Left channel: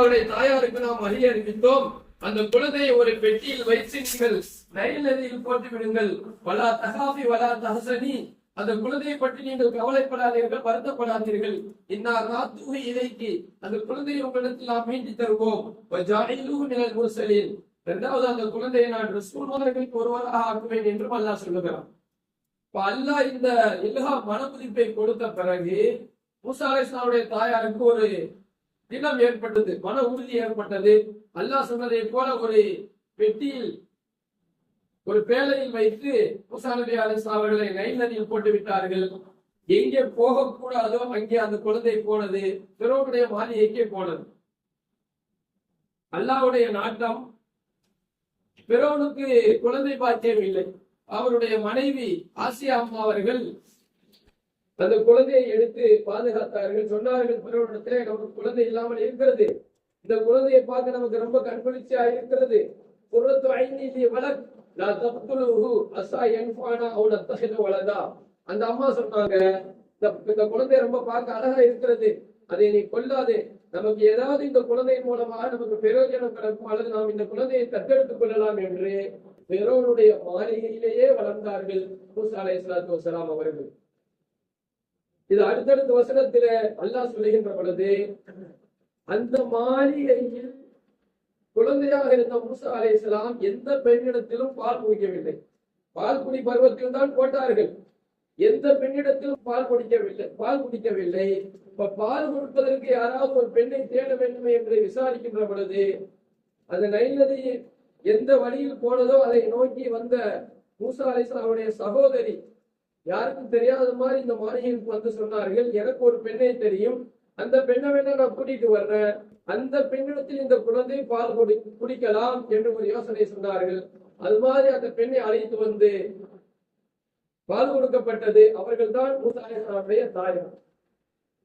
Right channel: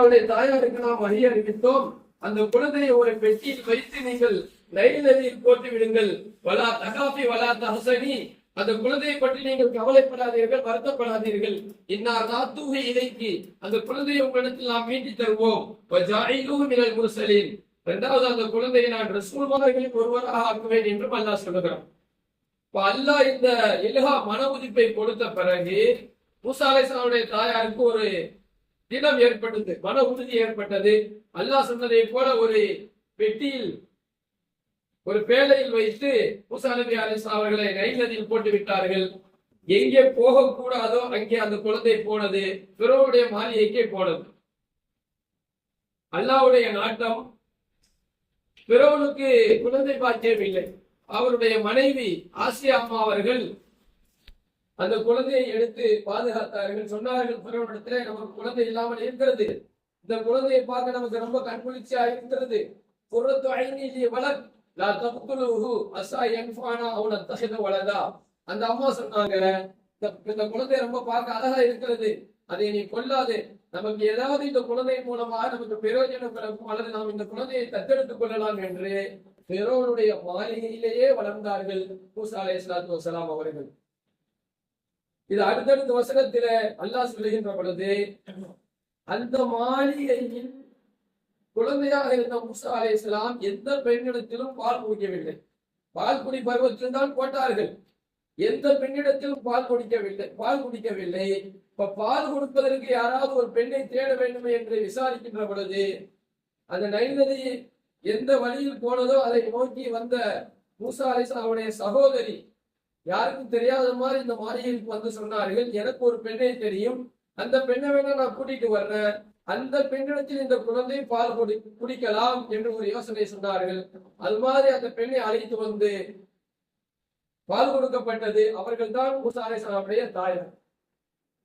அவருடைய தாயாருக்கு நாம் வழி அறிவித்தோம் அந்த குழந்தையை ஒரு பெட்டியில் வைத்து நீங்கள் நைல் நதியில் போட்டு விடுங்கள். வலா தகாபி வலா தஹசனி. அந்த குழந்தையை பற்றி நீங்கள் கவலைப்படாதீர்கள் வருத்தப்படாதீர்கள். இன்னார் நாத்தூகை இதைக்கு அந்த குழந்தையை உங்களிடத்தில் நாம் மீட்டி தருவோம். வஜாயிலூஹு மினல் முர்சலீன். இரண்டாவது அந்த குழந்தையை நான் ரசூல்மார்களில் ஒருவராக ஆக்குவேன் என்றும் அல்லாஹ் சொல்லுகிறான். இப்ப அல்லாஹ் இந்த இலகா மன உதிப்பை கொடுத்த பிறகு மூசா அலைஹிஸ்ஸலாமுடைய தாயாருக்கு ஒரு தினம் ஏற்பட்டது மன உறுதி ஏற்பட்டது. அல்லாஹ் சொன்னதை போல ஒரு பெட்டியில் ஒரு பேழையில் வைத்து முசா நபி அலிஸ்லா அவர்களை நைல் நதியில் போட்டு விட்டார்கள். எங்கே போகக்கூடாதோ அங்கே அந்த குழந்தை போனது பிறவுடைய மாளிகைக்கே போனது? அல்லாஹ்வுடைய நாட்டம் பிறவனுக்கு குழந்தை பாக்கியம் இல்லை. அவருடைய மனைவி ஆசியா அம்மா அவர்கள் அந்த குழந்தையை எடுத்து பாதுகாத்தார்கள். சொன்னார்கள் பிறவனிடத்திலே நமக்கு குழந்தை இல்லாமல் இருக்கிறது. இந்த குழந்தையை பார்க்க நமக்கு ரொம்ப கண்குளிர்ச்சியா இருக்கிறது. குரத்து ஐநீதி வளர் நான் தப்புலுஹு அசா என்ஃபானா அவன தகுத வளதா அந்த அம்மா சொன்னாங்க இந்த இந்த குழந்தை ரொம்ப பார்க்க அழகா இருக்கிறது. அதை நீ கொல்லாது. நமக்கு ஏதாவது இந்த குழந்தை மூலமா நமக்கு பிரயோஜனம் கிடைக்கும் அல்லது நாம் இந்த குழந்தையை தத்தெடுத்துக் கொள்ளலாம் என்று பெரோனுடைய மாளிகையிலேயே வளர்ந்தார்கள். மூசா அலைஹிஸ்ஸலாத்து வஸலாம் அவர்கள். இது அடுத்தடுத்த வசனத்தில அல்லாஹ் சொல்லுகின்ற பொழுது அந்த மாளிகையில் குழந்தையாக இருந்த மூசா இஸ்லாம் எந்த பெண்ணிடத்திலும் பால் குடிக்கவில்லை. பால் குடி பருவத்தில் தான் போட்டார்கள். எந்த பெண்ணிடத்திலும் பால் குடிக்கவில்லை பால் குடிக்கவில்லை. இப்ப பால் கொடுப்பதற்கு யாராவது ஒரு பெண்ணை தேட வேண்டுமே என்று விசாரிக்கின்ற பொழுது அந்த நைல் நதி எந்த வழியில் போனதோ அதை நோக்கி வந்த மூசா அலிஸ்லாம் அவருடைய சகோதரி யாருக்கும் தெரியாத மாதிரி இந்த மாளிகைக்கு வந்து சொன்னார்கள். எனக்கு ஒரு பெண்ணை தெரியும். அந்த பெண்ணை வேணா நான் கூட்டிட்டு வர்றேன். அந்த பெண்ணிடத்தில் இந்த குழந்தை பால் குடி குடிக்கலாம் என்று ஒரு யோசனை சொன்னார்கள். அது மாதிரி அந்த பெண்ணை அழைத்து வந்து பால் கொடுக்கப்பட்டது. அவர்கள் தான் மூசா அலிஸ்லாமுடைய தாயார்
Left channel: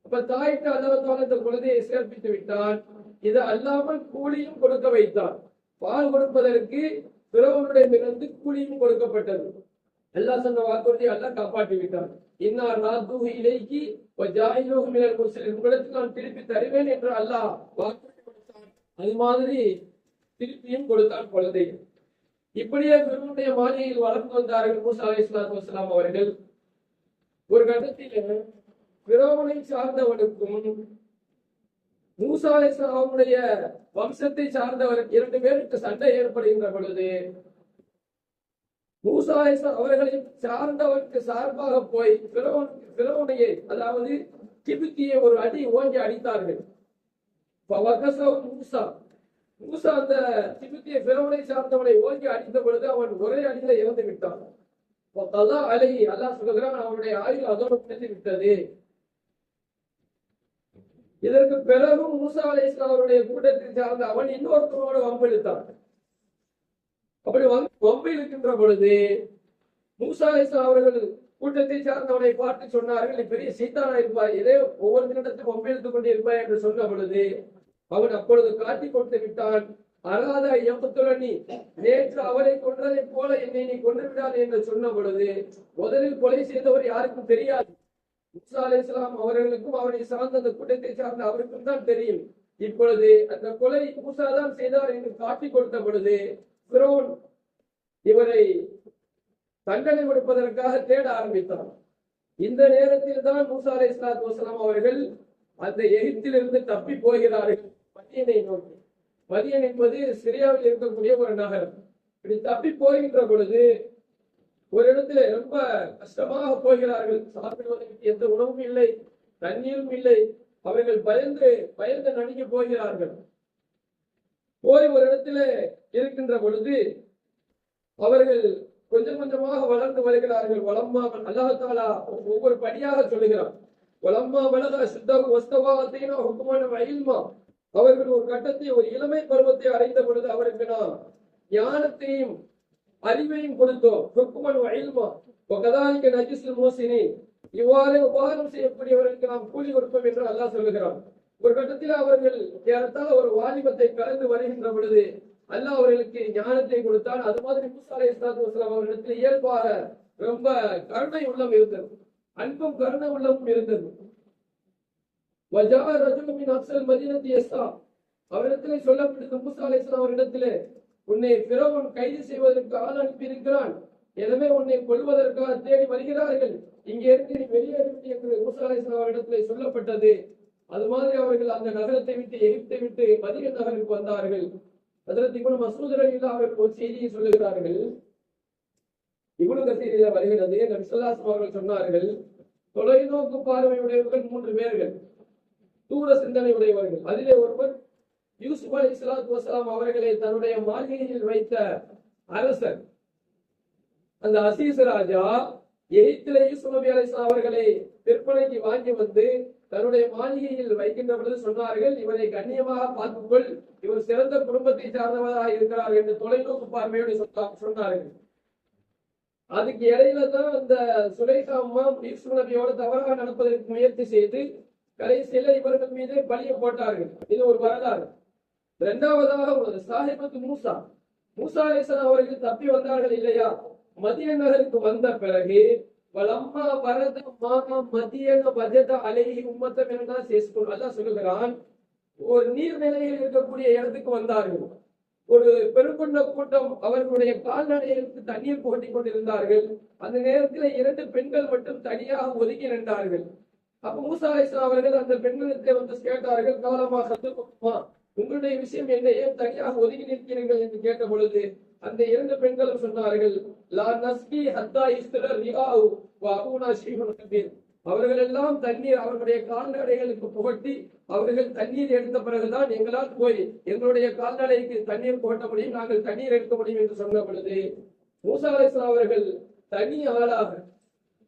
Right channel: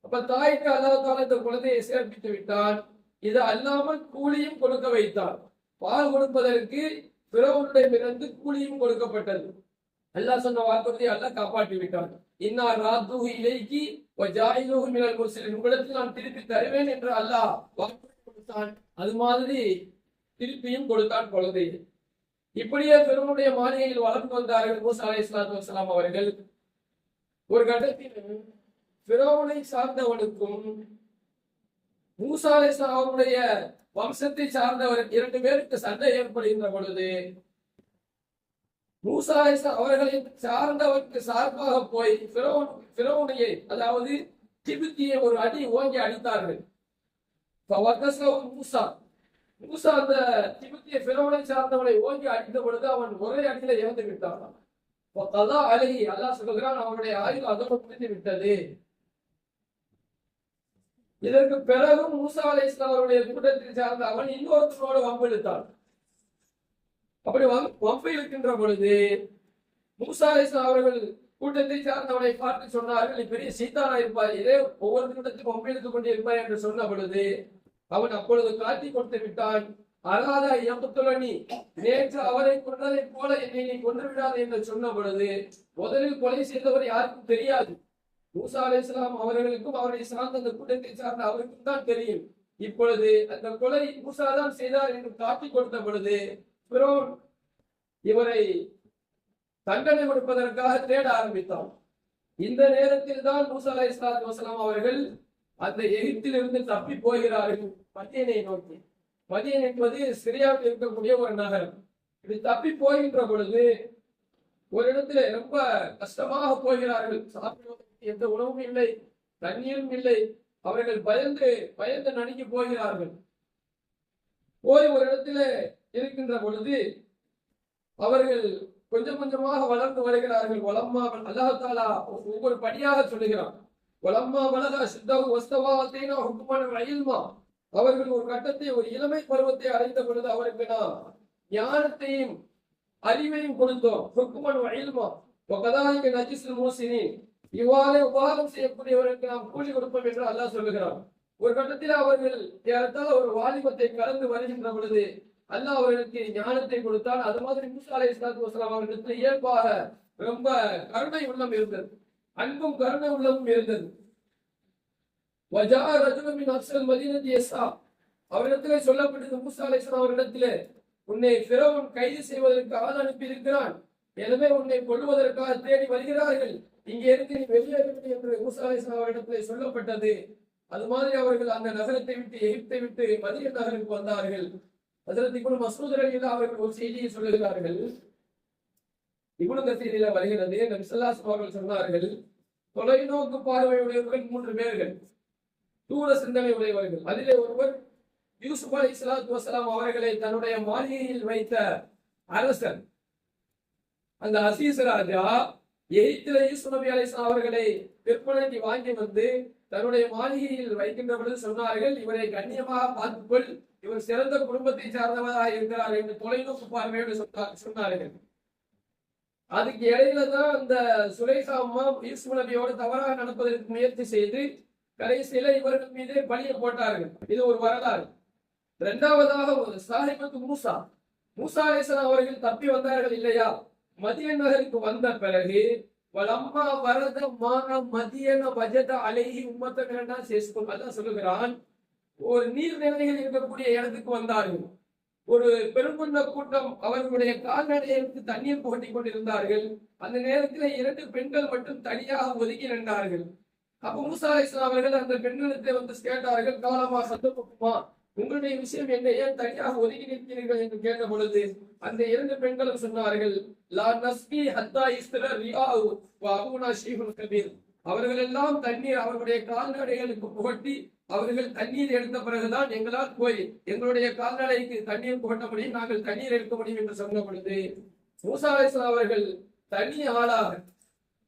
அப்ப தாய்க்கு அல்லாத்தால இந்த குழந்தையை சேர்ப்பித்து விட்டான். இது அல்லாமல் கூலியும் கொடுக்க வைத்தான். பால் கொடுப்பதற்கு பிறவனுடையமிருந்து கூலியும் கொடுக்கப்பட்டது. அல்லாஹ் சொன்ன வாக்குறுதியை அல்லாஹ் காப்பாற்றி விட்டான். இன்னா ராத்து இலைக்கு ஜாயிலூஹு நான் திருப்பி தருவேன் என்று அல்லாஹ் வாக்குறுதி கொடுத்தான். அது மாதிரி திருப்பியும் கொடுத்தான் குழந்தை. இப்படியே பெருமுடைய மாளிகையில் வளர்ந்து வந்தார்கள் மூசா அலை இஸ்லாத்து வலாம் அவர்கள். ஒரு கட்டத்தில் பிறவனை சார்ந்தவனுக்கும் மூசா அலைஹிஸ்ஸலாம் அவருடைய வம்சத்தை சார்ந்தவர் இரண்டு பேருக்கு சண்டை ஏற்படுகின்ற பொழுது மூசா அலைஹிஸ்ஸலாம் அவர்களை சார்ந்தவருக்கு சார்பாக போய் பிறவன் அதாவது திபுத்தியை ஒரு அடி ஓங்கி அடித்தார்கள். மூசா. மூசா அந்த திபுத்திய பிறவனை சார்ந்தவனை ஓங்கி அடித்த பொழுது அவன் ஒரே அடியில இறந்து விட்டான். கதா அழகி அல்லா சொல்கிறான் அவனுடைய ஆயுள் அதோடு முடிந்து விட்டது. இதற்கு பிறகும் மூசா அலை அவருடைய கூட்டத்தில் சார்ந்த அவன் இன்னொருத்தரோடு வம்பெடுத்தான் அப்படி வம்- வம்பு இழுக்கின்ற பொழுது மூசாலேசன் அவர்கள் கூட்டத்தை சார்ந்தவனை பார்த்து சொன்னார்கள் நீ பெரிய சீத்தானா இருப்பார் இதே ஒவ்வொரு நிமிடத்தும் வம்பு இழுத்துக் கொண்டு இருப்பார் என்று சொன்ன பொழுது அவன் அப்பொழுது காட்டி கொடுத்து விட்டான் அராதா நீ நேற்று அவரை கொன்றதைப் போல என்னை நீ கொன்று விடாது என்று சொன்ன பொழுது முதலில் கொலை செய்தவர் யாருக்கும் தெரியாது. மூசா இஸ்லாம் அவர்களுக்கும் அவரை சார்ந்த அந்த கூட்டத்தை சார்ந்த அவருக்கும் தான் தெரியும். இப்பொழுது அந்த கொலை மூசா தான் செய்தார் என்று காட்டி கொடுத்த பொழுது பிறோன் இவரை தண்டனை கொடுப்பதற்காக தேட ஆரம்பித்தான் இந்த நேரத்தில் தான் மூசா அலை இஸ்லாத் வசலாம் அவர்கள் அந்த எகிப்திலிருந்து தப்பி போகிறார்கள். மதியனை நோக்கி. மதியன் என்பது சிரியாவில் இருக்கக்கூடிய ஒரு நகரம். இப்படி தப்பி போகின்ற பொழுது ஒரு இடத்துல ரொம்ப கஷ்டமாக போகிறார்கள். சாப்பிடுவதற்கு எந்த உணவும் இல்லை தண்ணீரும் இல்லை. அவர்கள் பயந்து பயந்து நடுங்கி போகிறார்கள். போய் ஒரு இடத்துல இருக்கின்ற பொழுது அவர்கள் கொஞ்சம் கொஞ்சமாக வளர்ந்து வருகிறார்கள். வளம்மா அல்லாஹாலா ஒவ்வொரு படியாக சொல்லுகிறான். வளம்மா வளரா சித்தாவு வஸ்தவாத்தேனா ஹுக்குமான வயல்மா அவர்கள் ஒரு கட்டத்தை ஒரு இளமை பருவத்தை அடைந்த பொழுது அவருக்கு நாம் ஞானத்தையும் அறிவையும் கொடுத்தோம். ஹுக்குமன் வயல்மா ஒகதாங்க நஜிஸ்ல் மோசினி இவ்வாறு உபகாரம் செய்யக்கூடியவருக்கு நாம் கூலி கொடுப்போம் என்று அல்லாஹ் சொல்லுகிறான். ஒரு கட்டத்தில் அவர்கள் ஏறத்தால் ஒரு வாலிபத்தை கலந்து வருகின்ற பொழுது அல்லாஹ் அவர்களுக்கு ஞானத்தை கொடுத்தான் அது மாதிரி மூசா அலை இஸ்லாத்து வஸ்லாம் அவர்களிடத்தில் இயல்பாக ரொம்ப கருணை உள்ளம் இருந்தது. அன்பும் கருணை உள்ளமும் இருந்தது. வஜா ரஜுல அப்சல் அவரிடத்திலே சொல்லப்பட்டது மூசா அலைஹிஸ்ஸலாம் அவரிடத்திலே உன்னை பிறவன் கைது செய்வதற்கு ஆள் அனுப்பியிருக்கிறான். எனவே உன்னை கொல்வதற்காக தேடி வருகிறார்கள். இங்கே இருந்து நீ வெளியேறிவிட்டு என்று மூசா அலைஹிஸ்ஸலாம் அவரிடத்திலே சொல்லப்பட்டது. அது மாதிரி அவர்கள் அந்த நகரத்தை விட்டு எகிப்தை விட்டு மதிய நகருக்கு வந்தார்கள். அதற்கு இவனு மசூத் அவர்கள் ஒரு செய்தியை சொல்லுகிறார்கள். இவனு செய்தியில வருகிறது. நபிசல்லாஸ் அவர்கள் சொன்னார்கள் தொலைநோக்கு பார்வை உடையவர்கள் மூன்று பேர்கள் தூர சிந்தனை உடையவர்கள். அதிலே ஒருவர் யூசுப் அலி இஸ்லாத் வசலாம் அவர்களை தன்னுடைய மாளிகையில் வைத்த அரசன் அந்த அசீஸ் ராஜா எகிப்தில யூசுப் நபி அலி அவர்களை விற்பனைக்கு வாங்கி வந்து தன்னுடைய மாளிகையில் வைக்கின்ற பொழுது சொன்னார்கள் இவரை கண்ணியமாக பார்த்துக்கொள். இவர் சிறந்த குடும்பத்தை சார்ந்தவராக இருக்கிறார் என்று தொலைநோக்கு பார்வையோடு சொன்னார்கள். அதுக்கு இடையில தான் அந்த சுரேஷா அம்மா யூசுப் நபியோடு தவறாக நடப்பதற்கு முயற்சி செய்து கடைசியில இவர்கள் மீது பலியை போட்டார்கள். இது ஒரு வரலாறு. இரண்டாவதாக சாஹிபத்து மூசா. மூசா அலிஸ்லாம் அவர்கள் தப்பி வந்தார்கள் இல்லையா? மதிய நகருக்கு வந்த பிறகு வலம்மா வரத மாற மதியன வஜத அலைகி உம்மத்தான் இரண்டாம் அதான் சொல்லுகிறான். ஒரு நீர்நிலைகள் இருக்கக்கூடிய இடத்துக்கு வந்தார்கள். ஒரு பெருங்கொண்ட கூட்டம் அவர்களுடைய கால்நடைகளுக்கு தண்ணீர் புகட்டி கொண்டிருந்தார்கள். அந்த நேரத்தில் இரண்டு பெண்கள் மட்டும் தனியாக ஒதுக்கி நின்றார்கள். அப்ப மூசா அவர்கள் அந்த பெண்களிடத்தை வந்து கேட்டார்கள் காலமா சந்தோஷமா? உங்களுடைய விஷயம் என்ன ஏன் தனியாக ஒதுங்கி நிற்கிறீர்கள்? என்று கேட்ட பொழுது அந்த இரண்டு பெண்களும் சொன்னார்கள் லா நஸ்கி ஹத்தா இஸ்திர ரியாவு வ ஷீஹுல் கபீர். அவர்கள் எல்லாம் தண்ணீர் அவர்களுடைய கால்நடைகளுக்கு புகட்டி அவர்கள் தண்ணீர் எடுத்த பிறகுதான் எங்களால் போய் எங்களுடைய கால்நடைக்கு தண்ணீர் புகட்ட முடியும் நாங்கள் தண்ணீர் எடுக்க முடியும் என்று சொன்ன பொழுது மூசா அலிஸ்லாம் அவர்கள் தனி ஆளாக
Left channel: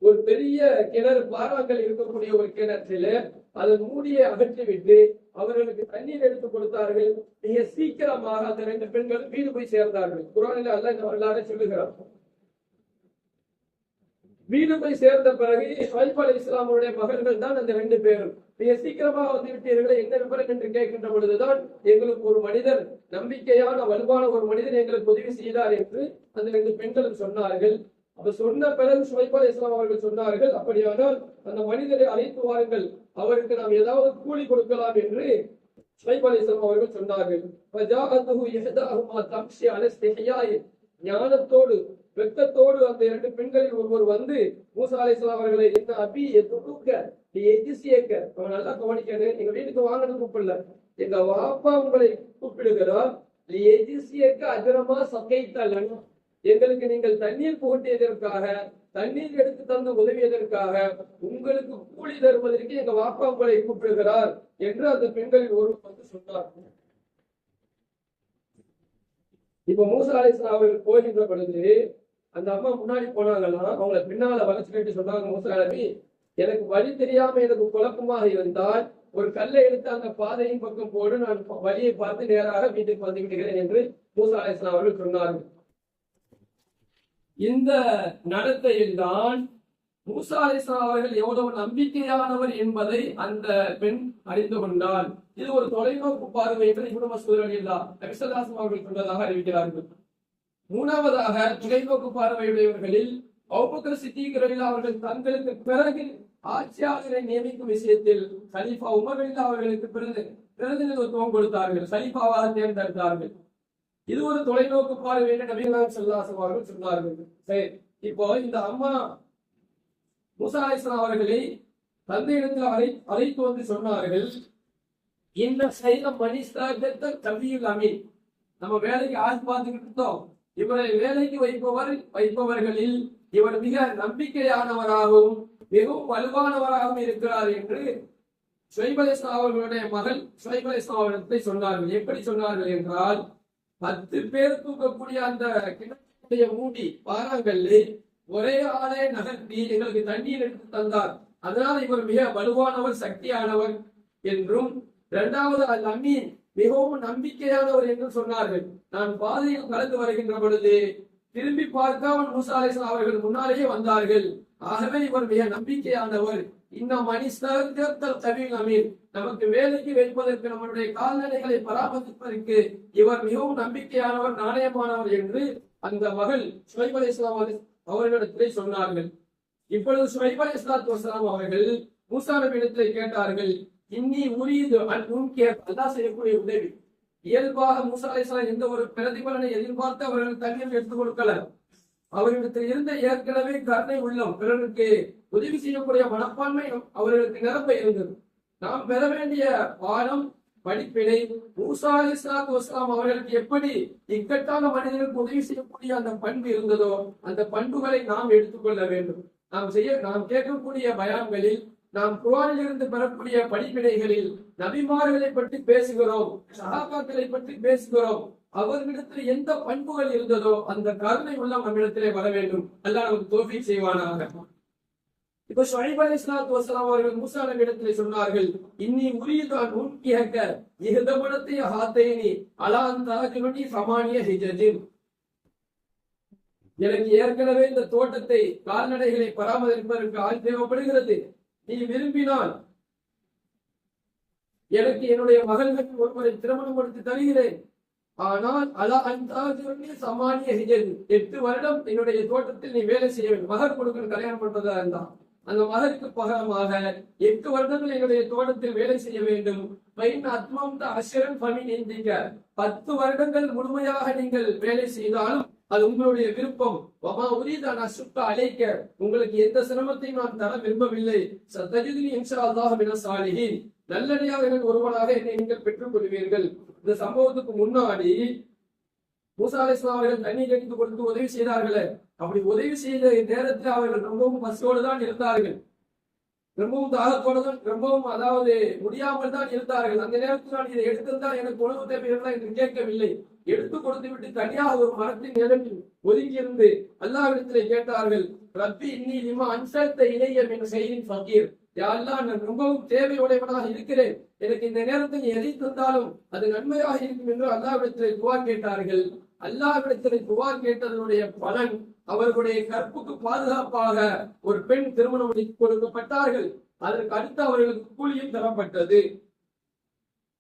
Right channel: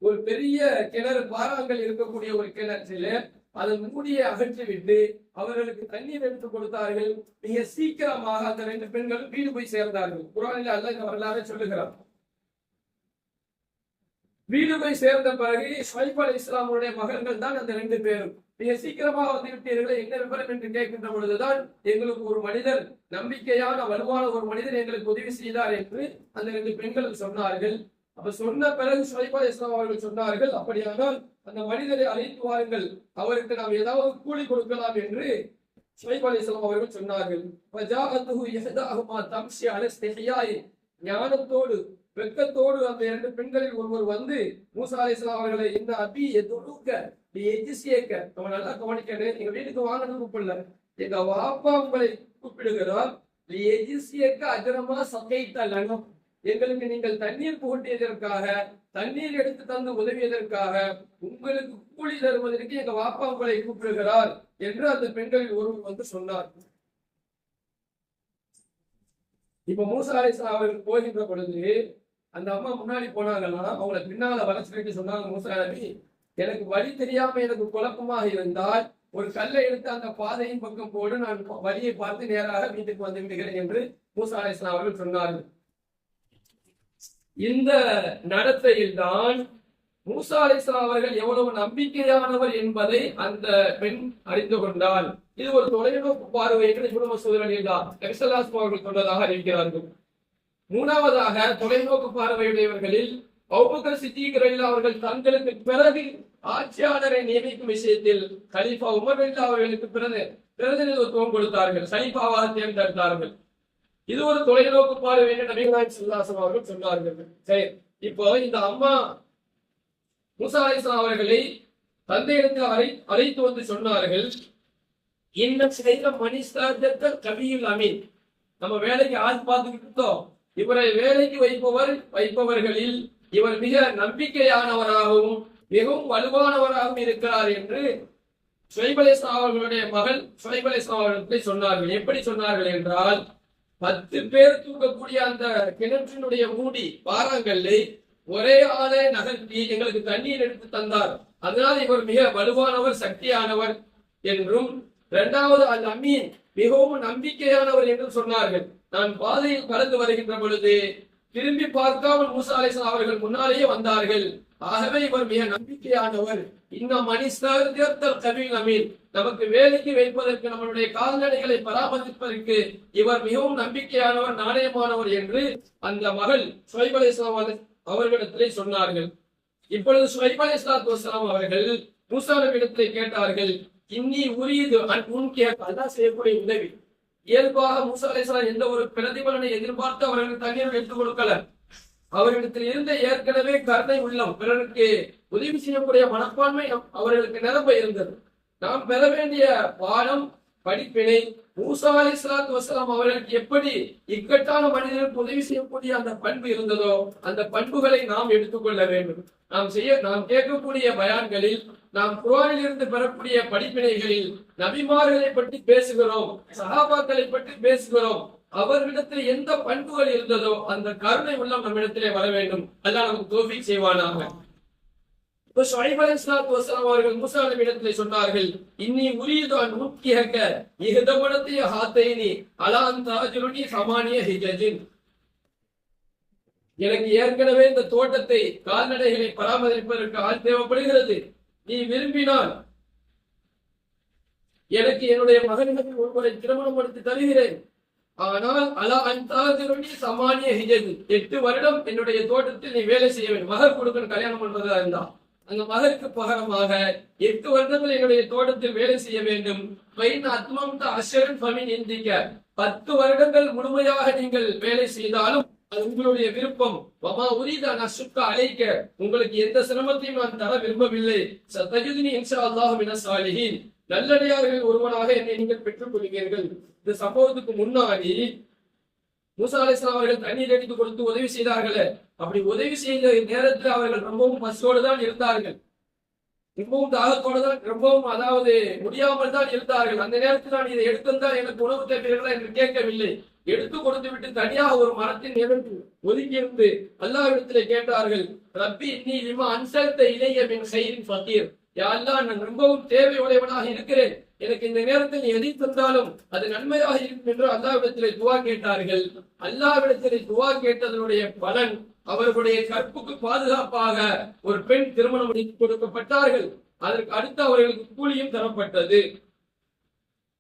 ஒரு பெரிய கிணறு பாறாங்கல் இருக்கக்கூடிய ஒரு கிணற்றில் அதன் மூடியை அகற்றிவிட்டு அவர்களுக்கு தண்ணீர் எடுத்து கொடுத்தார்கள். மிக சீக்கிரமாக அந்த ரெண்டு பெண்களும் வீடு போய் சேர்ந்தார்கள். குரானில் அல்ல இந்த வரலாறு சொல்லுகிறார் வீடு போய் சேர்ந்த பிறகு ஷைப் அலி இஸ்லாமுடைய மகன்கள் தான் அந்த ரெண்டு பேரும். மிக சீக்கிரமாக வந்து விட்டீர்களே என்ன விவரம் என்று கேட்கின்ற பொழுதுதான் எங்களுக்கு ஒரு மனிதர் நம்பிக்கையான வலுவான ஒரு மனிதர் எங்களுக்கு உதவி செய்தார் என்று அந்த ரெண்டு பெண்களும் சொன்னார்கள். அப்ப சொன்ன பிறகு ஷைப் அலி இஸ்லாம் அவர்கள் சொன்னார்கள். அப்படியானால் அந்த மனிதரை அழைத்து வாருங்கள். அவருக்கு நாம் ஏதாவது கூலி கொடுக்கலாம் என்று ஷைப் அவர்கள் சொன்னார்கள். ஞானத்தோடு வெக்கத்தோடு அந்த இரண்டு பெண்களில் ஒருவர் வந்து மூசா அவர்களை என்ன அபி எதுக்க நீ எஜிசியக்க அவன் நல்லா கவனிக்கணும் எங்க வீட்டுக்கு வாங்கினது கூப்பிடல. எங்க வாப்பா உங்களை கூப்பிடுகிறார். நீ எஜிசியக்க அஜரமா சக்கைத்த லனம் எங்களுக்கு நீங்கள் தண்ணீர் போட்டியதற்காக தண்ணீர் எடுத்து தந்து உதவியதற்காக உங்களுக்கு கூலி தருவதற்கு எங்க வாப்பா உங்களை கூப்பிடுகிறார் என்று அந்த பெண்கள் ஒருவர் வந்து சொன்னார். இப்ப மூசா அலிஸ்லாம் அவர்கள் போகின்ற பொழுது அந்த அம்மா முன்னாடி போனாங்கன்னா அவங்கள பின்னால வளர்ச்சிட்டு சொன்னாங்க மூசா நபி எனக்கு வழி தெரியாம எனக்கு குழப்பமாக இருந்தால் ஒரு கல்லை எடுத்து அந்த பாதையின் பக்கம் போடு நான் வழியை பார்த்து நேராக வீட்டுக்கு வந்து விடுகிறேன் என்று மூசா அலிஸ்லாம் அவர்கள் சொன்னார்கள். இந்த நடத்தையில் தான் மூசா அலிஸ்லாம் அவர்கள் எவ்வளவு நம்பிக்கையானவர் என்பதை அந்த பெண் அறிந்து கொண்டால் இது ஒரு தொலைநோக்கு பார்வை என்று இப்னு சூழலில்லா நபிசல்லாஸ்லாம் அவர்கள் சொன்னதாக அறிவிக்கிறார்கள். மூணாவதாக தொலைநோக்கு பார்வையுடையவர்களில் அவுபக்கர் சித்திகரில் அவர்கள் தங்களுக்கு பிறகு ஆட்சியாளரை நியமிக்கும் விஷயத்தில் கலீஃபா உமர் இல்லா அவர்களுக்கு பிறகு பிரதிநிதித்துவம் கொடுத்தார்கள். சலீஃபாவாக தேர்ந்தெடுத்தார்கள். இது ஒரு தொலைநோக்கு பார்வை என்று நபிகளாய் செல்லாசம் அவர்கள் சொன்னார்கள். சரி இப்போ இந்த அம்மா மூசா அலிஸ்லாம் அவர்களை தந்தையிடத்தில் அழை அழைத்து வந்து சொன்னார்கள் இன்னும் செய்த மனிதாஜத்த கவியில் அமீன். நம்ம வேலைக்கு ஆள் பார்த்துக்கிட்டு இருந்தோம் இவரை வேலைக்கு வைப்பவர் வைப்பவர்களில் இவர் மிக நம்பிக்கையானவராகவும் மிகவும் வலுவானவராகவும் இருக்கிறார் என்று சுவைபலேஸ்லாம் அவர்களுடைய மகள் சுவைபலேஸ்லாம் அவர்களை சொன்னார்கள். எப்படி சொன்னார்கள் என்றால் பத்து பேர் தூக்கக்கூடிய அந்த கிணற்றினுடைய மூடி பாறாங்கல்லை ஒரே ஆளே நகர்த்தி எங்களுக்கு தண்ணீர் எடுத்து தந்தார். அதனால் இவர் மிக வலுவானவர் சக்தியானவர் என்றும் இரண்டாவது அல் அமீன் மிகவும் நம்பிக்கையானவர் என்றும் சொன்னார்கள். நான் பாதையில் கலந்து வருகின்ற பொழுது திரும்பி பார்க்காமல் மூசா அலிஸ்லாம் அவர்கள் முன்னாலேயே வந்தார்கள். ஆகவே இவர் மிக நம்பிக்கையானவர். இந்த மனிதர் தேர்தல் கவின் அமீன். நமக்கு வேலைக்கு வைப்பதற்கு நம்மளுடைய கால்நடைகளை பராமரிப்பதற்கு இவர் மிகவும் நம்பிக்கையானவர் நாணயமானவர் என்று அந்த மகள் சுவைப் அலி இஸ்லாம் அவர்களிடத்திலே சொன்னார்கள். இப்பொழுது சுவைப் அலி இஸ்லாத்து வசலாம் அவர்கள் மூசா நபியிடத்திலே கேட்டார்கள் இன்னி உரியது உன் கேட்க அல்லாஹ் செய்யக்கூடிய உதவி. இயல்பாக மூசா அலைஹிஸ்ஸலாம் எந்த ஒரு பிரதிபலனை எதிர்பார்த்து அவர்களுக்கு தண்ணீர் எடுத்துக் கொடுக்கல. அவர்களிடத்தில் இருந்த ஏற்கனவே கருணை உள்ளம் பிறருக்கு உதவி செய்யக்கூடிய மனப்பான்மை அவர்களுக்கு நிரம்ப இருந்தது. நாம் பெற வேண்டிய பாடம் படிப்பினை மூசா அலி இஸ்லாத்து வசலாம் அவர்களுக்கு எப்படி இக்கட்டான மனிதனுக்கு உதவி செய்யக்கூடிய அந்த பண்பு இருந்ததோ அந்த பண்புகளை நாம் எடுத்துக்கொள்ள வேண்டும். நாம் செய்ய நாம் கேட்கக்கூடிய பயான்களில் நாம் குரானில் இருந்து பெறக்கூடிய படிப்பினைகளில் நபிமார்களை பற்றி பேசுகிறோம் சகாபாக்களை பற்றி பேசுகிறோம் அவர்களிடத்தில் எந்த பண்புகள் இருந்ததோ அந்த கருணை உள்ளம் நம்மிடத்திலே வர வேண்டும். அல்லாஹ் நமக்கு தோஃபி செய்வானாக. இப்ப ஷுஐப் அலைஹிஸ்ஸலாத்து வசலாம் அவர்கள் மூசா நபியிடத்திலே சொன்னார்கள் இன்னி உரியதான் ஊக்கியக்க உக்கியக ஹாத்தேனி ஹாத்தைனி அலா சமானிய ஹிஜஜின். எனக்கு ஏற்கனவே இந்த தோட்டத்தை கால்நடைகளை பராமரிப்பதற்கு ஆள் தேவைப்படுகிறது. நீ விரும்பினால் எனக்கு என்னுடைய மகன்கள் ஒருவரை திருமணம் எடுத்து தருகிறேன். ஆனால் அலா அந்தாஜுருனி சமானிய ஹிஜது எட்டு வருடம் என்னுடைய தோட்டத்தில் நீ வேலை செய்ய வேண்டும். மகர் கொடுக்கணும் கல்யாணம் பண்றதா இருந்தா. அந்த மகருக்கு பகரமாக எட்டு வருடங்கள் என்னுடைய தோட்டத்தில் வேலை செய்ய வேண்டும். பைன் அத்மம் அஷரன் ஃபமின் இந்திக்க பத்து வருடங்கள் முழுமையாக நீங்கள் வேலை செய்தாலும் அது உங்களுடைய விருப்பம். வமா உரிதா நசுக்க அழைக்க உங்களுக்கு எந்த சிரமத்தையும் நான் தர விரும்பவில்லை. சத்தஜுதினி இன்ஷா அல்லாஹ் மின சாலிஹின். நல்லடியார்களில் ஒருவனாக என்னை நீங்கள் பெற்றுக் கொள்வீர்கள் இந்த சம்பவத்துக்கு முன்னாடி மூசா அலிஸ்லாம் அவர்கள் தண்ணீர் அடித்து கொடுத்து உதவி செய்தார்களே. அப்படி உதவி செய்த நேரத்தில் அவர்கள் ரொம்பவும் பசியோடு தான் இருந்தார்கள். ரொம்பவும் தாகத்தோடு தான் ரொம்பவும் அதாவது முடியாமல் தான் இருந்தார்கள். அந்த நேரத்தில் நான் இதை எடுத்திருந்தால் எனக்கு உணவு தேவைகளா என்று கேட்கவில்லை. எடுத்து கொடுத்து விட்டு தனியாக ஒரு மரத்தின் நிழலில் ஒதுங்கியிருந்து அல்லாவிடத்திலே கேட்டார்கள் ரப்பி நீ லிமா அன்சல்த இளைய மின் செய்தின் ஃபக்கீர் யா நான் ரொம்பவும் தேவையுடையவனாக இருக்கிறேன்? எனக்கு இந்த நேரத்தில் நீ எதை தந்தாலும் அது நன்மையாக இருக்கும் என்று அல்லாவிடத்திலே துவா கேட்டார்கள். அல்லாவிடத்திலே துவா கேட்டதனுடைய பலன் அவர்களுடைய கற்புக்கு பாதுகாப்பாக ஒரு பெண் திருமணம் கொடுக்கப்பட்டார்கள். அதற்கு அடுத்து அவர்களுக்கு கூலியும் தரப்பட்டது.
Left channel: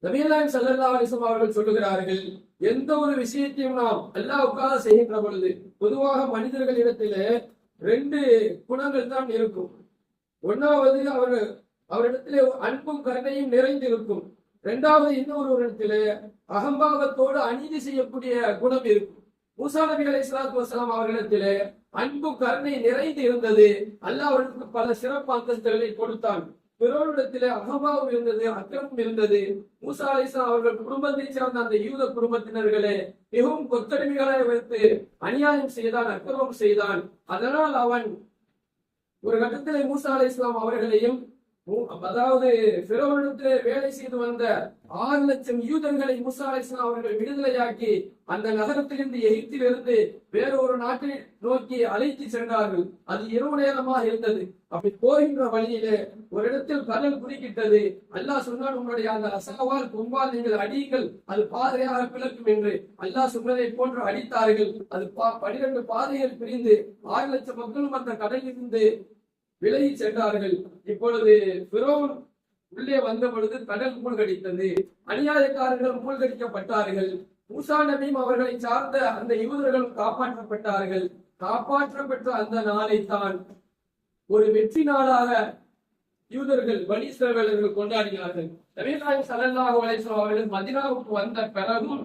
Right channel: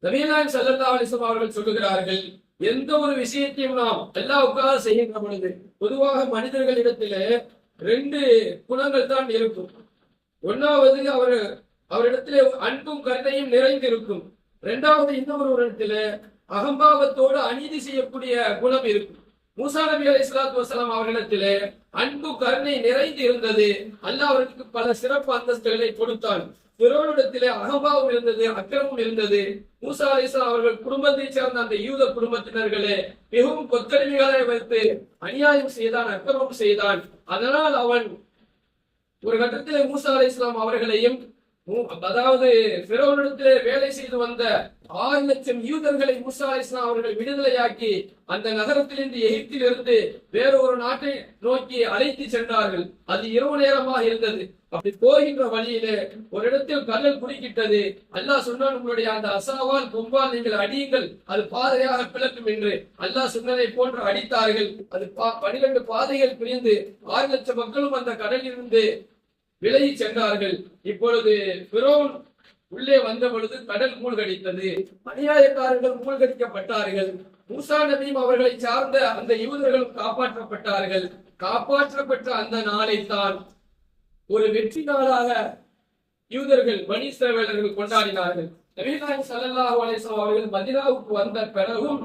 நபியல்லாஹி ஸல்லல்லாஹு அலைஹி அவர்கள் சொல்லுகிறார்கள் எந்த ஒரு விஷயத்தையும் நாம் அல்லாவுக்காக செய்கின்ற பொழுது பொதுவாக மனிதர்களிடத்திலே ரெண்டு குணங்கள் தான் இருக்கும். ஒன்னாவது அவர் அவரிடத்திலே அன்பும் கருணையும் நிறைந்திருக்கும். இரண்டாவது இன்னொரு இடத்திலே அகம்பாவத்தோடு அநீதி செய்யக்கூடிய குணம் இருக்கும். மூசா நபி அலி இஸ்லாத்து வசலாம் அவர்களிடத்திலே அன்பு கருணை நிறைந்து இருந்தது அல்லாஹ் அவருக்கு பல சிறப்பு அந்தஸ்துகளை கொடுத்தான். பிறவனிடத்திலே அகம்பாவம் இருந்தது அக்கிரமம் இருந்தது. மூசா அலிசா அவர்கள் குடும்பத்தைச் சேர்ந்த அந்த யூத குடும்பத்தினர்களே மிகவும் கொத்தடிமைகளாய் வைத்து அநியாயம் செய்தான் அக்கிரமம் செய்தான். அதனால் அவன் ஒரு கட்டத்தில் மூசா அலை இஸ்லாம் அவர்களையும் அதாவது பிறவனிடத்திலே வேலை செய்து வந்த ஆறு லட்சம் யூதர்களை மூசா அலை அவர்கள் விடுதலையாக்கி அந்த நகரத்திலிருந்து எகிப்திலிருந்து வேற ஒரு நாட்டை நோக்கி அழைத்து சென்றார்கள். அது இரவு நேரமாக இருந்தது. அப்படி போகின்ற வழியிலே ஒரு இடத்தில் கடல் குறுக்கிட்டது. அல்லாஹ் சொன்னான் உங்களுடைய அந்த அசாவால் கொம்பால் நீங்கள் அடியுங்கள். அது பாதையாக பிளக்கும் என்று அல்லாஹ் சொன்னதை போன்று அடித்தார்கள். அது பா- பனிரெண்டு பாதைகள் பிரிந்து ஆறு லட்சம் மக்களும் அந்த கடலிலிருந்து விலகி சென்றார்கள். இப்பொழுது பிரோன் உள்ளே வந்த பொழுது கடல் மூழ்கடித்தது. அநியாயக்காரர்கள் மூழ்கடிக்கப்பட்டார்கள். மூசா நபியும் அவர்களை சார்ந்த அந்த யூதர்களும் காப்பாற்றப்பட்டார்கள். காப்பாற்றப்பட்ட அந்த நாளை தான் ஒரு வெற்றி நாளாக யூதர்கள் வணிசவேலர்கள் கொண்டாடினார்கள். நபீநாயகம் ஸல்லல்லாஹு அலைஹி அவர்கள் மதினாவுக்கு வந்த பிறகும்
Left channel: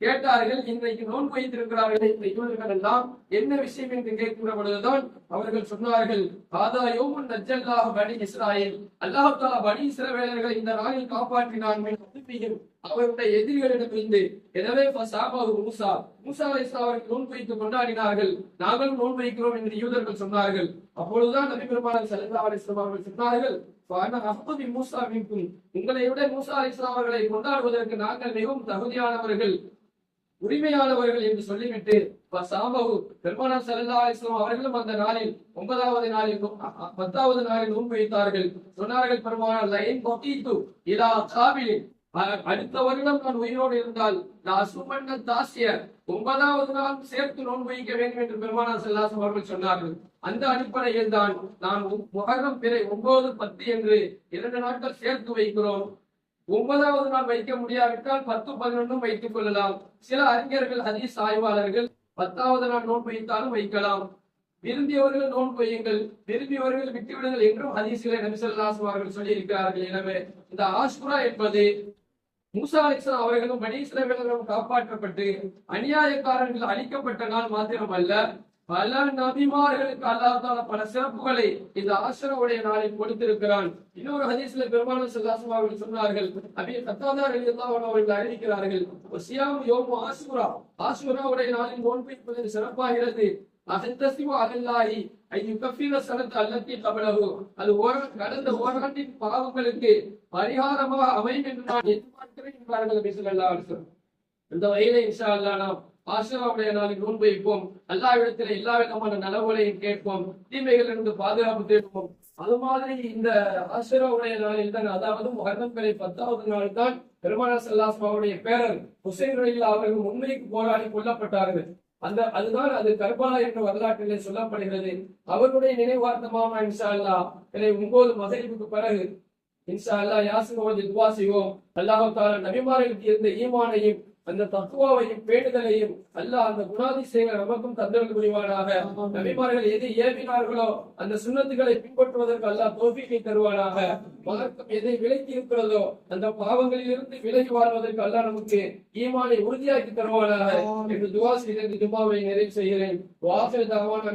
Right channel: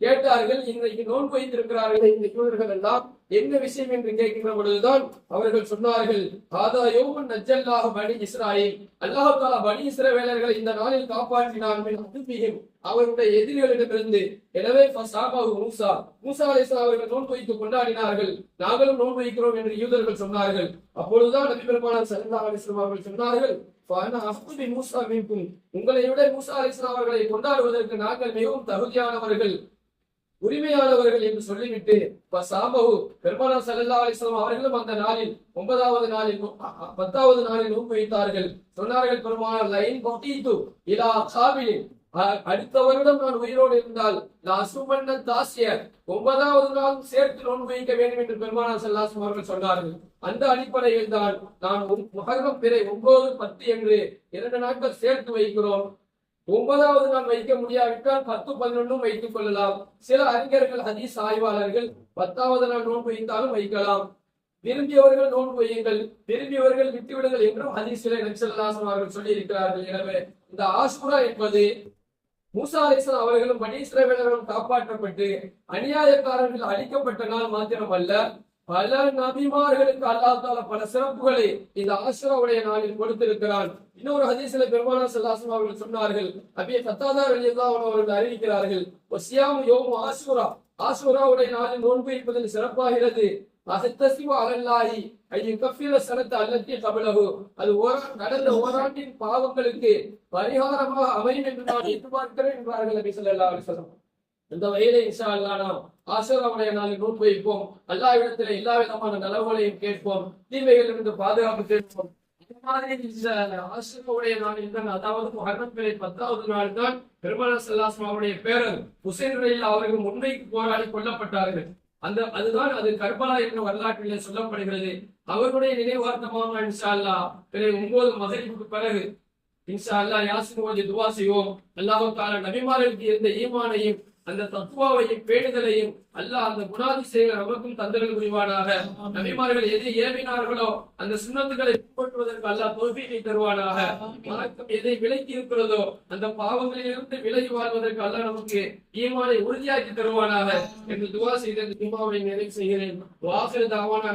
கேட்டார்கள் இன்றைக்கு நோன்பு வைத்திருக்கிறார்கள் இந்த யூதர்கள் எல்லாம் என்ன விஷயம் என்று கேட்கின்ற பொழுதுதான் அவர்கள் சொன்னார்கள் ஆதா யோமுன் நஜ்ஜல்லாஹு பனி இஸ்ராயில். அல்லாஹ் தஆலா பனி இஸ்ரவேலர்களை இந்த நாளில் காப்பாற்றினான். மின் அவருடைய எதிரிகளிடமிருந்து எனவே மூசா. மூசா அலைஹிஸ்ஸலாம் அவர்கள் நோன்பு வைத்து கொண்டாடினார்கள். நாங்களும் நோன்பு வைக்கிறோம் என்று யூதர்கள் சொன்னார்கள். அப்பொழுதுதான் நபி பெருமானார் சல்லா அலிஸ்லாம் அவர்கள் சொன்னார்கள் மூசா உங்களை விட மூசா அலிஸ்லாம் அவர்களை கொண்டாடுவதற்கு நாங்கள் மிகவும் தகுதியானவர்கள். உரிமையானவர்கள் என்று சொல்லிவிட்டு சாபகு பெருமானார் ஸல்லல்லாஹு அலிஸ்லாம் அவர்களும் அந்த நாளில் ஒன்பதாவது நாளில் பத்தாவது நாளில் நோன்பு வைத்தார்கள். சொன்னார்கள் பெருமானார் லைன் கொட்டீத்து இலா காபிலின் அடுத்த வருடம் நான் உயிரோடு இருந்தால் நான் சுமன்ன தாசிய. ஒன்பதாவது நாள் சேர்த்து நோன்பு வைக்க வேண்டும் என்று பெருமானார் செல்லாசம் அவர்கள் சொன்னார்கள். அந்த அடிப்படையில் தான் நான் முகரம் பிறை ஒன்பது பத்து என்று இரண்டு நாட்கள் சேர்த்து வைக்கிறோம். ஒன்பதாவது நாள் வைக்க முடியாவிட்டால் பத்து பதினொன்றும் வைத்துக் கொள்ளலாம். சில அறிஞர்கள் ஹதீஸ் ஆய்வாளர்கள் பத்தாவது நாள் நோன்பு வைத்தாலும் வைக்கலாம். விரும்பியவர்கள் நோன்பு வையுங்கள். விரும்பியவர்கள் விட்டுவிடுங்கள் என்றும் ஹதீஸிலே நபிசல்லாசம் அவர்கள் சொல்லி இருக்கிறார்கள் எனவே இந்த ஆஷ்குரா என்பது மூசா அலிஸ்லாம் அவர்களும் பனி காப்பாற்றப்பட்டு அநியாயக்காரர்கள் அழிக்கப்பட்ட நாள் மாத்திரமல்ல. பல நபிமார்களுக்கு அல்லாஹால பல சிறப்புகளை இந்த ஆசிராவுடைய நாளில் கொடுத்திருக்கிறான். இன்னொரு ஹதீஸ்ல பெருமான சல்லாசம் அவர்கள் சொன்னார்கள் அபிய தத்தாதா வெளியதான் அவர்கள் அறிவிக்கிறார்கள் ஒசியாம் யோமு ஆசுரா. ஆசுராவுடைய நாளில் நோன்பு இருப்பதில் சிறப்பாகிறது. அசத்தசிவ அலல்லாஹி ஐயோ கஃபீர சனத்து அல்லத்தி கபலகு அது ஓரா கடந்த ஓராண்டின் பாவங்களுக்கு பரிகாரமாக அமையும் என்று நான் எதிர்பார்க்கிறேன் என்றார்கள் நபி சொல்ல அலைஹி வஸல்லம். இந்த வகையிலே இன்ஷா அல்லாஹ் நாம் ஆசிராவுடைய நாளில் நோன்பு வைப்போம் அல்லாவிடத்தில் எல்லா விதமான நலவுகளையும் கேட்போம். தீமைகளிலிருந்து பாதுகாப்பு தேடுவோம். அது மாதிரி இந்த ஆசிராவுடைய நாளில் தான் அதாவது மரணம் பிறை பத்தாவது நாள் தான் பெருமான செல்லாஸ்மாவுடைய பேரர் ஹுசைன் ரயில் அவர்கள் உண்மைக்கு போராடி கொல்லப்பட்டார்கள். அந்த அதுதான் அது கர்பலா என்ற வரலாற்றிலே சொல்லப்படுகிறது. அவருடைய நினைவார்த்தமாக இன்ஷா அல்லாஹ் பிறகு ஒன்பது மகரிப்புக்கு பிறகு இன்ஷா அல்லாஹ் யாசின் ஓதி துவா செய்வோம். அல்லாஹ் தாலா நபிமார்களுக்கு இருந்த ஈமானையும் அந்த தத்துவாவையும் பேணுதலையும் அல்லாஹ் அந்த குணாதிசயங்கள் நமக்கும் தந்தர்கள் புரிவானாக. நபிமார்கள் எது ஏவினார்களோ அந்த சுண்ணத்துகளை பின்பற்றுவதற்கு அல்லாஹ் தோல்வியை தருவானாக. வணக்கம் எதை விலக்கி இருக்கிறதோ அந்த பாவங்களில் இருந்து விலகி வாழ்வதற்கு அல்லாஹ் நமக்கு ஈமானை உறுதியாக்கி தருவானாக. என்று துவா செய்து இந்த ஜும்மாவை நிறைவு செய்கிறேன். வாசல் தாவான